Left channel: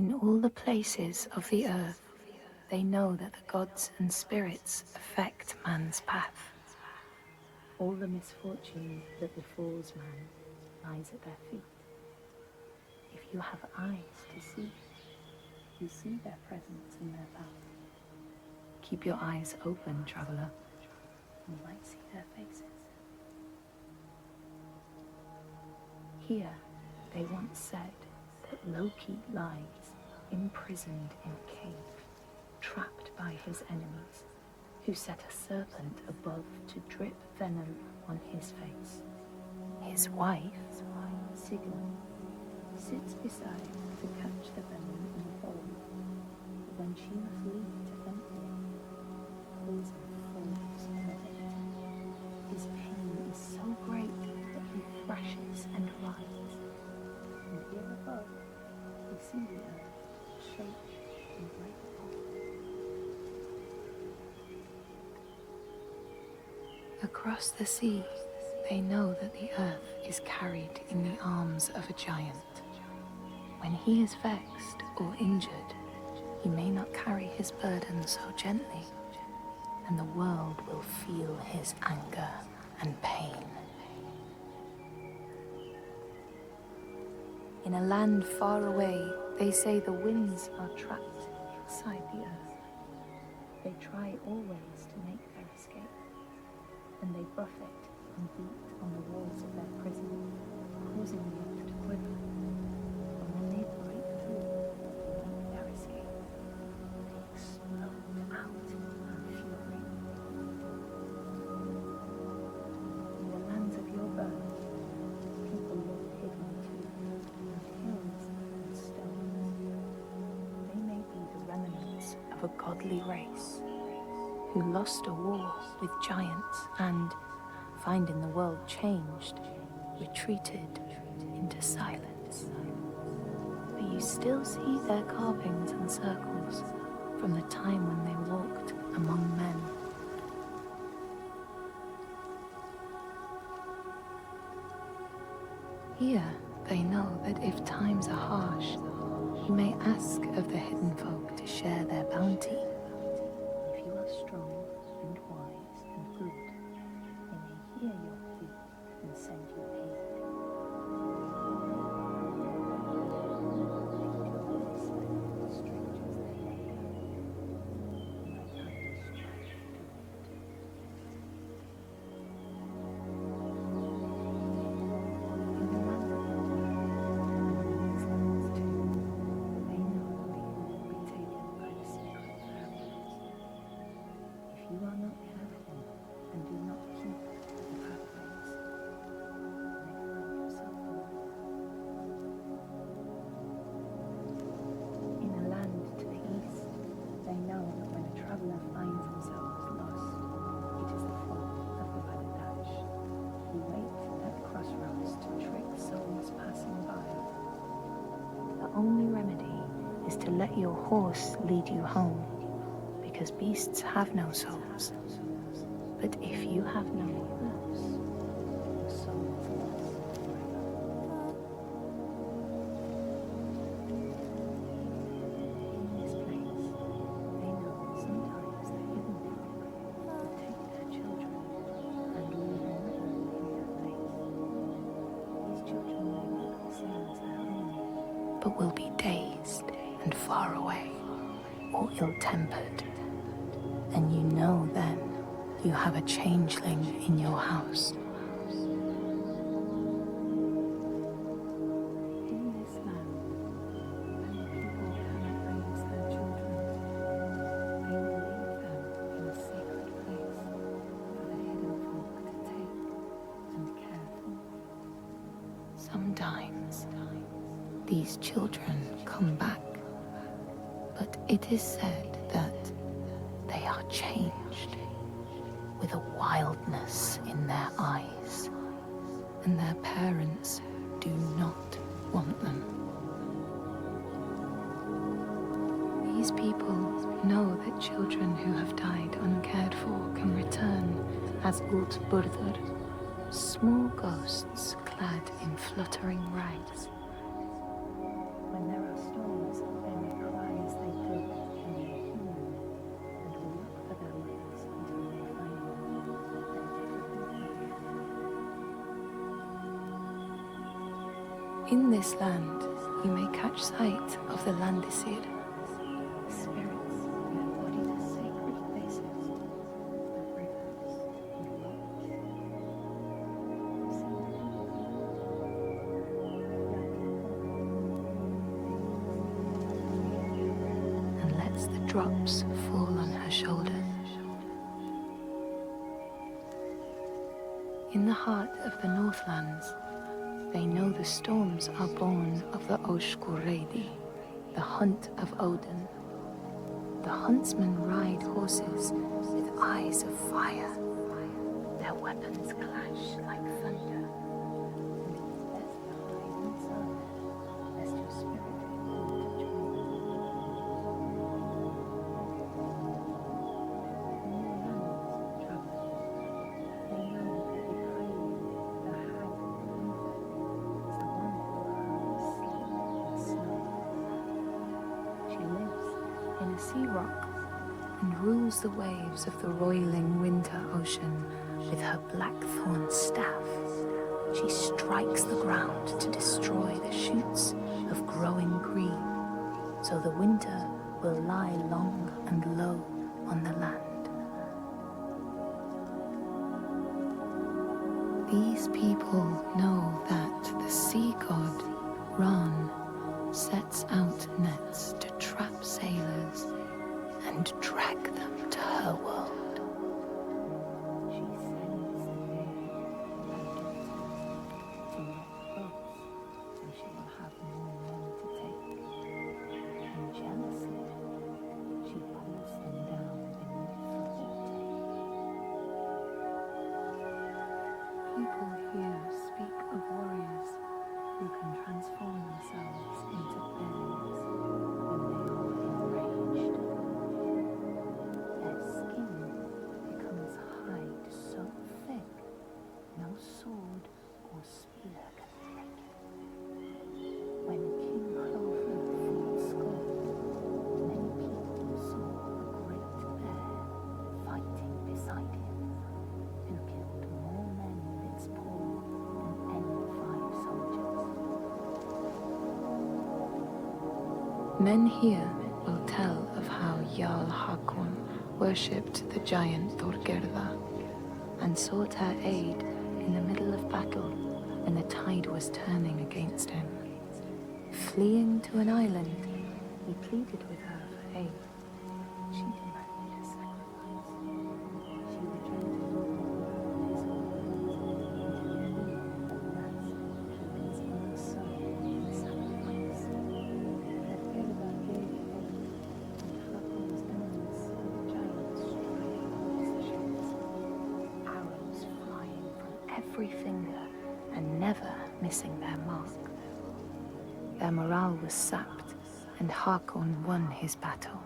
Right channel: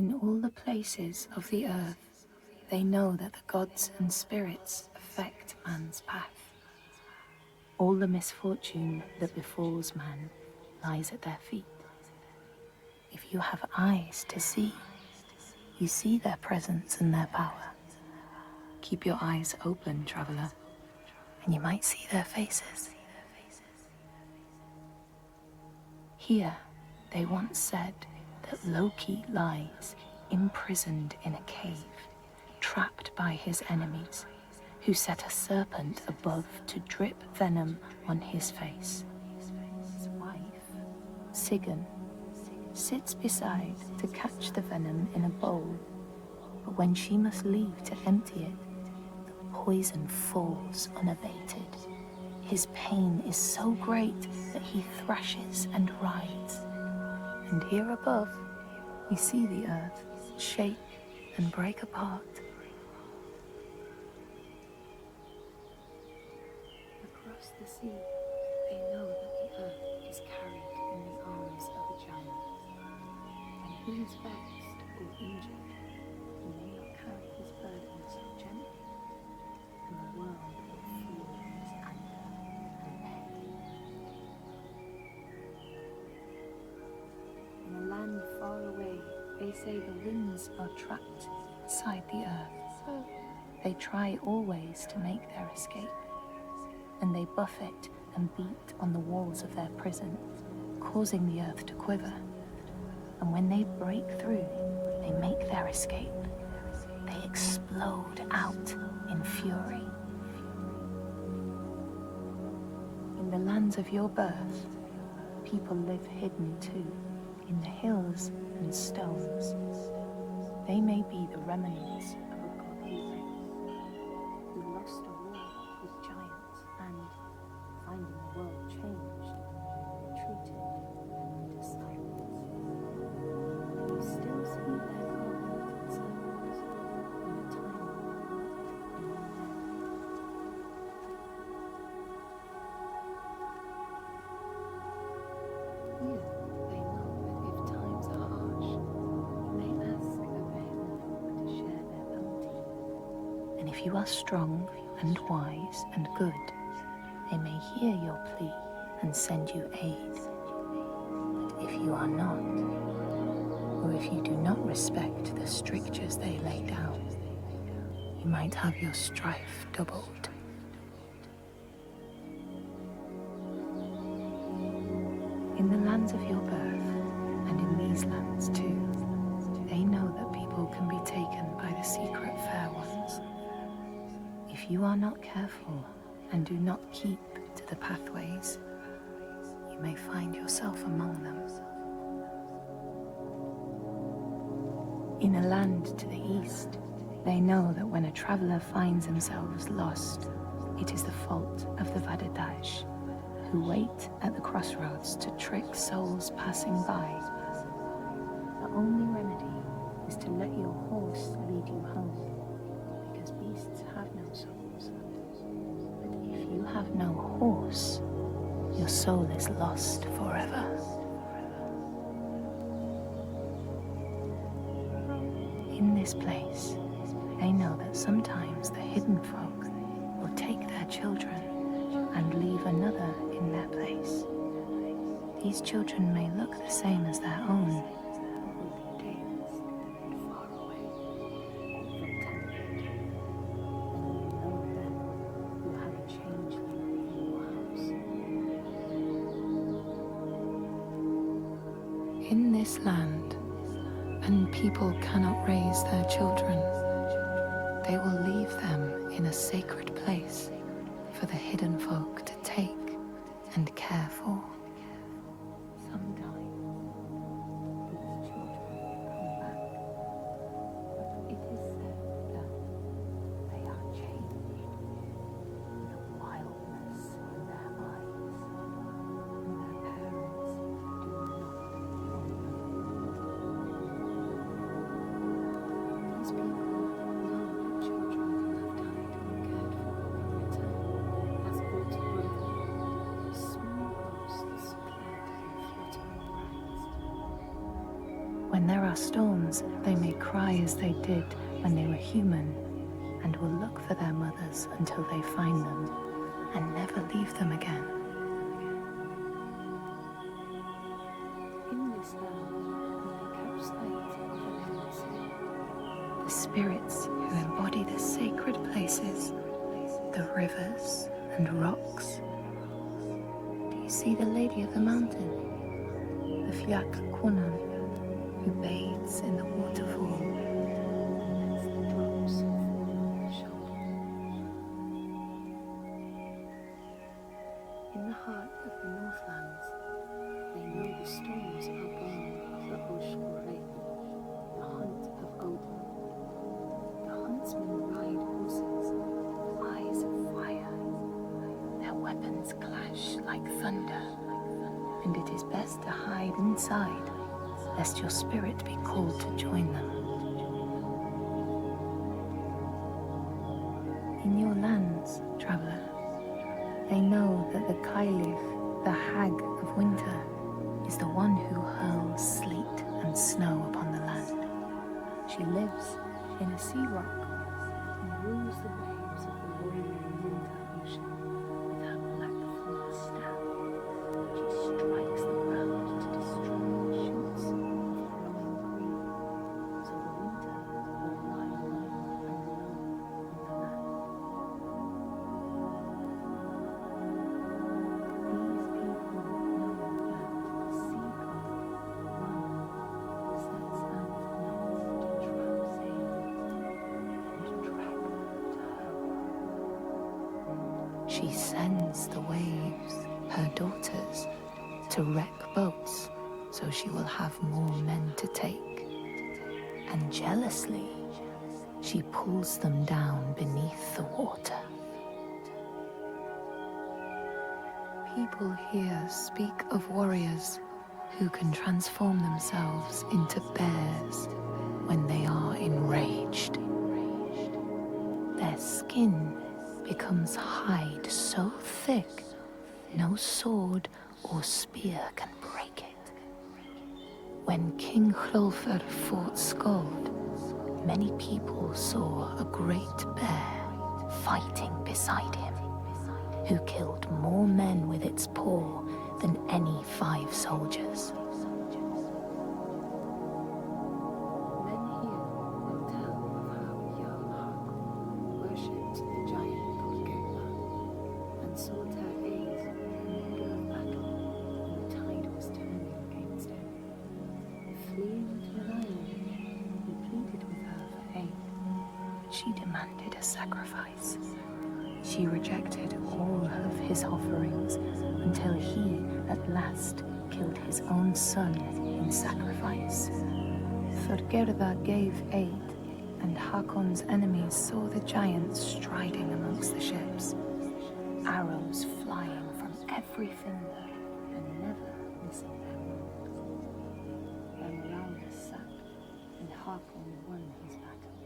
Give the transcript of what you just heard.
In all the places of the earth, they know that the gods and spirits affect man's path. All the misfortune that befalls man lies at their feet. If you have eyes to see, you see their presence and their power. Keep your eyes open, traveler, and you might see their faces. Here, they once said that Loki lies imprisoned in a cave, trapped by his enemies, who set a serpent above to drip venom on his face. His wife, Sigyn, sits beside to catch the venom in a bowl, but when she must leave to empty it, the poison falls unabated. His pain is so great that he thrashes and writhes. And here above, we see the earth shake and break apart. Across the sea, they know that the earth is carried in the arms of a giant. When he is vexed or injured, he may not carry his burden so gently, and the world will feel his anger and pain. In a land far away, they say the winds are trapped inside the earth. They try always to make their escape, and they buffet and beat on the walls of their prison, causing the earth to quiver. And when they break through, they make their escape. They explode out in fury. In the lands of your birth, people live hidden too, in the hills and stones. They may be the remnants of a godly race who lost a war with giants and, finding the world changed, retreated into silence. But you still see their carvings and circles from the time when they walked among men. Here, they know that if times are harsh, you may ask of the hidden folk to share their bounty. And if you are strong and wise and good, they may hear your plea and send you aid. But if you are not, or if you do not respect the strictures they lay down, you might have your strife doubled. In the lands of your birth, and in these lands too, they know that people can be taken by the secret fair ones. If you are not careful and do not keep to the pathways, you may find yourself among them. In a land to the east, they know that when a traveler finds themselves lost, it is the fault of the Vadadash, who wait at the crossroads to trick souls passing by. The only remedy is to let your horse lead you home, because beasts have no souls. But if you have no horse, your soul is lost forever. In this place, they know that sometimes the hidden folk will take their children and leave another in their place. These children may look the same as their own, but will be dazed and far away, or ill-tempered. And you know then you have a changeling in your house. In this land, and people cannot raise their children, they will leave them in a sacred place for the hidden folk to take and care for. Sometimes these children come back, but it is said that they are changed, with a wildness in their eyes, and their parents do not want them. These people know that children who have died uncared for can return as Útburður, small ghosts clad in fluttering rags. When there are storms, storms, they may cry as they did when they were human, and will look for their mothers until they find them, and never leave them again. In this land, you may catch sight of the Landdisasteinar, the spirits who embody the sacred places, the rivers and rocks. Do you see the Lady of the Mountain, the Fiat Kunan, who bathes in the waterfall and lets the drops fall on her shoulder? In the heart of the Northlands, they know the storms are born of the Oshkuredi, the hunt of Odin. The huntsmen ride horses with eyes of fire. Their weapons clash like thunder, and it is best to hide inside, lest your spirit be called to join them. In your lands, traveler, they know that the Kailif, the hag of winter, is the one who hurls sleet and snow upon the land. She lives in a sea rock and rules the waves of the roiling winter ocean with her blackthorn staff. She strikes the ground to destroy the shoots of growing green, so the winter will lie long and low on the land. These people know that the sea god, Ran, sets out nets to trap sailors and drag them to her world. She sends the waves, her daughters, to wreck boats so she will have more men to take. And jealously, she pulls them down beneath the water. People here speak of warriors who can transform themselves into bears when they are enraged. Their skin becomes hide so thick, no sword or spear can break it. When King Hrolfr fought Skald, many people saw a great bear fighting beside him, who killed more men with its paw than any 5 soldiers. Men here will tell of how Jarl Hakon worshipped the giant Thorgerða and sought her aid in the middle of battle when the tide was turning against him. Fleeing to an island, he pleaded with her for aid. She demanded a sacrifice. She rejected all of his offerings until he, at last, killed his own son in sacrifice. Thorgerða gave aid, and Hakon's enemies saw the giants striding amongst the ships, arrows flying from every finger and never missing their mark. Their morale was sapped, and Hakon won his battle.